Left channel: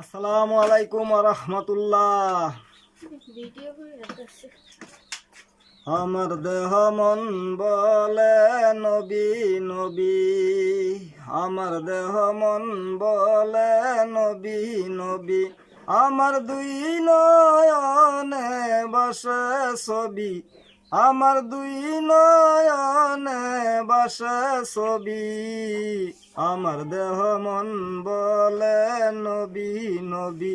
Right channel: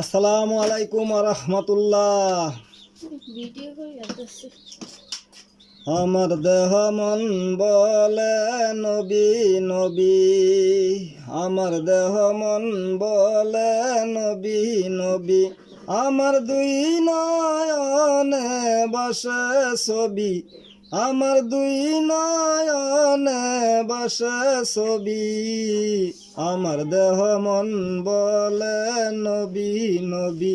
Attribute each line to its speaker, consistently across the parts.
Speaker 1: আসসালামু আলাইকুম রহমতুল্লাহ। আমার দেহ মন বলে নবী নবী। আমার দেহ মন বলে নবী নবী। আমার দুই নয়নে বসে ছবি। আমার দুই নয়নে বসে ছবি, আমার দেহ মন বলে নবী নবী।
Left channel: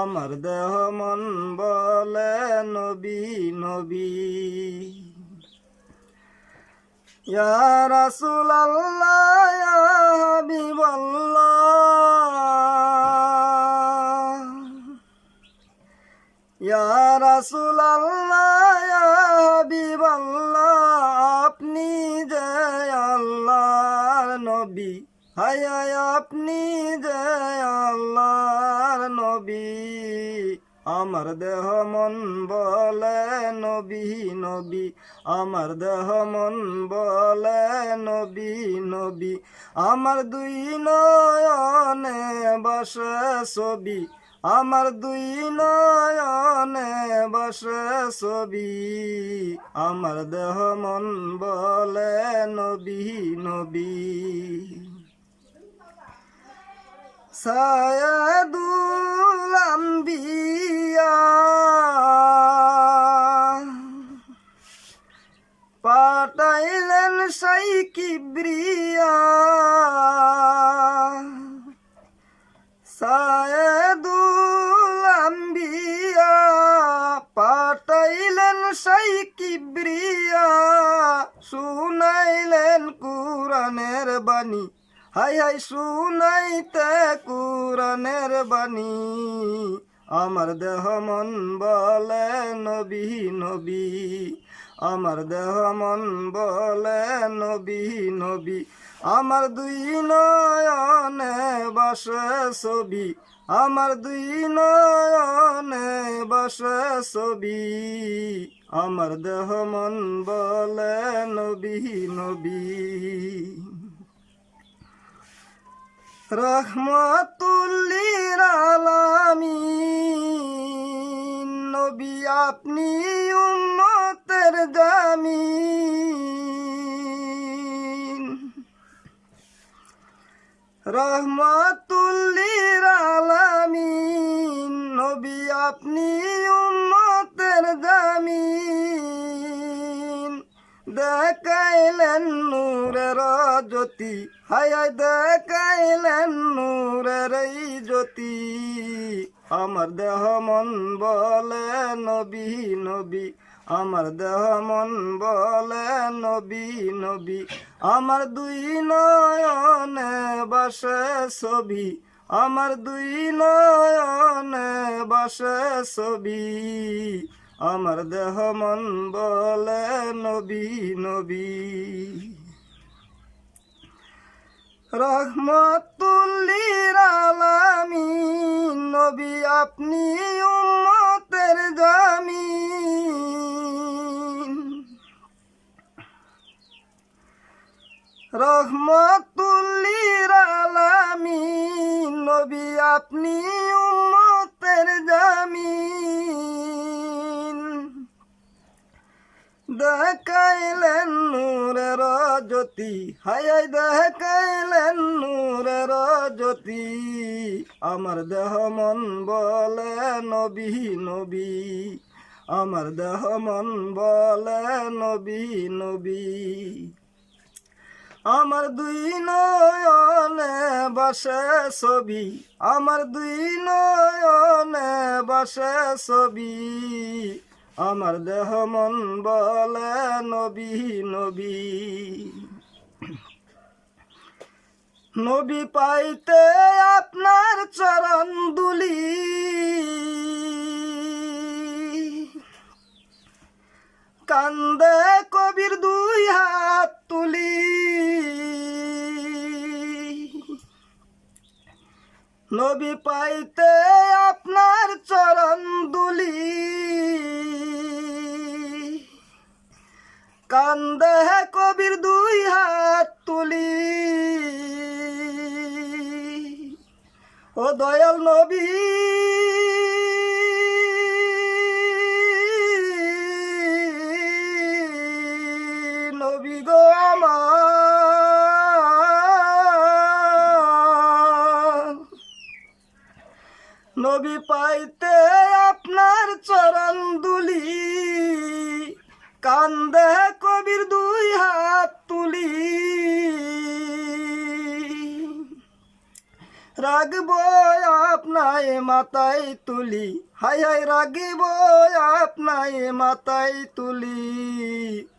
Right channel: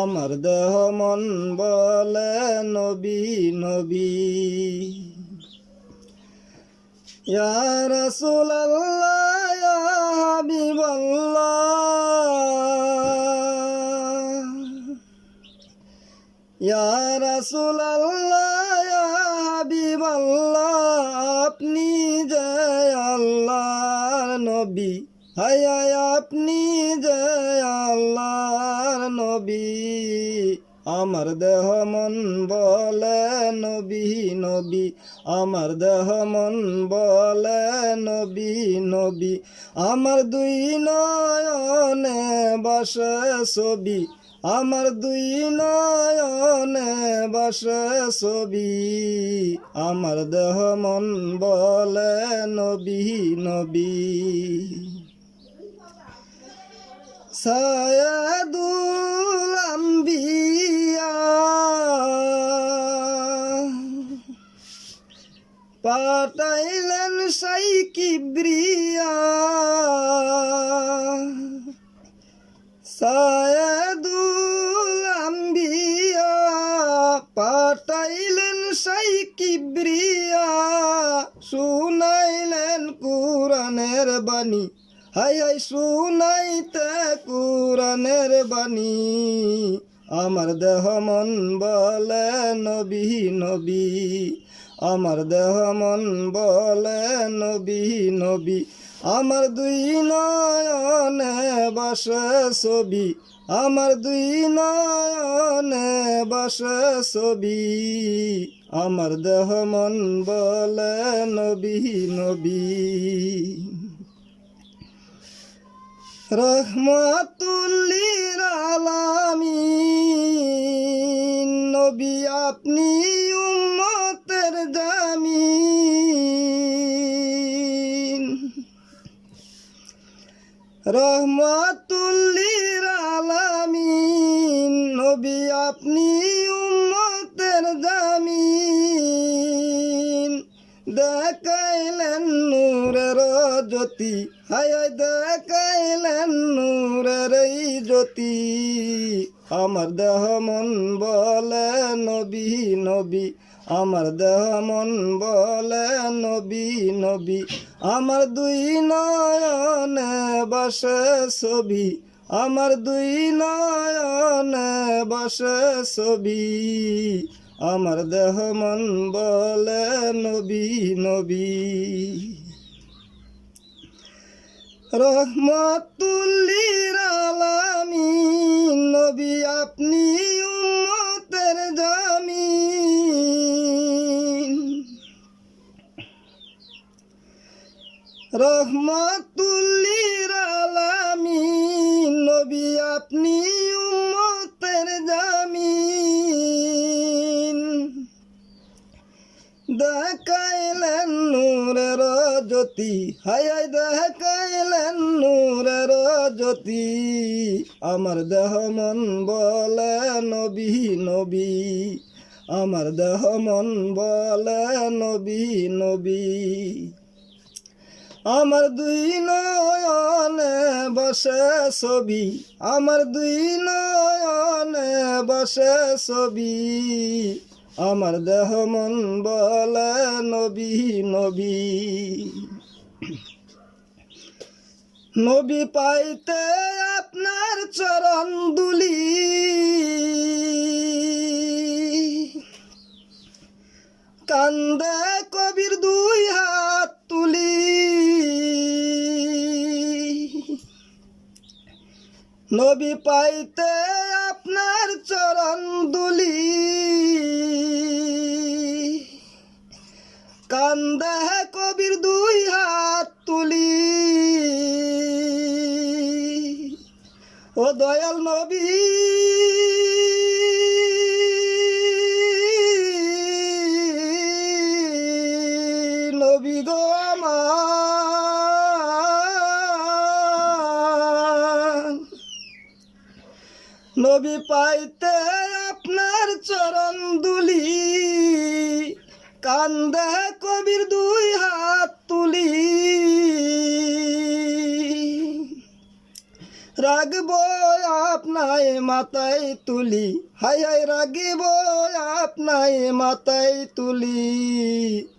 Speaker 1: আমার দেহ মন বলে নবী নবী। রাসূল ইয়া রাসূল আল্লাহ, আপনি যে আল্লাহর নবী। হায় আপনি যে আল্লাহর নবী। আমার দেহ মন বলে নবী নবী। আমার দেহ মন বলে নবী নবী। আমার দুই নয়নে বসে ছবি। আমার দুই নয়নে বসে ছবি আমার দেহ মন বলে নবী নবী। সায়াদুল আম্বিয়া কুরানের বাণী। হাই হাই, শুনাইতে কুরানের বাণী। আমার দেহ মন বলে নবী নবী। আমার দেহ মন বলে নবী নবী। আমার দুই নয়নে বাসে ছবি। আমার দুই নয়নে বসে ছবি, আমার দেহ মন বলে নবী নবী। রহমাতুল্লির আলামিন, নবী আপনি উম্মতের জামিন। রহমাতুল্লির আপনি উম্মতের জামিন। দেখাইলেন নূরের জ্যোতি। হায় দেখাইলেন নূরের জ্যোতি। আমার দেহ মন বলে নবী নবী। আমার দেহ মন বলে নবী নবী। আমার দুই নয়নে বসে ছবি। আমার দুই নয়নে বসে ছবি। আমার দেহ মন বলে নবী নবী। রহমতুল্লির নবী আপনি উম্মতের জামিন। রহমতুল্লির আলামিন, নবী আপনি উম্মতের জামিন। দেখাইলেন নূরের জ্যোতি হাই দেখাইলেন নূরের জ্যোতি। আমার দেহ মন বলে নবী নবী। আমার দেহ মন বলে নবী নবী। আমার দুই নয়নে বসে ছবি, আমার দুই নয়নে বসে ছবি। আমার দেহ মন বলে নবী নবী। নবী পাইতে আপনার চরণ দুলি। কান্দে কবির দুই হাত নবী পাইতে আপনার চরণ দুলি। কান্দে কবির দুই হাত তুলি। ও দয়াল নবী নবী পাইতে আপনার চরণ দুলি। কান্দে কবির দুই হাত তুলি। রাগব আপনায় মাথায় তুলি। হাই হাই রাগিব আপনায় মাথায় তুলি।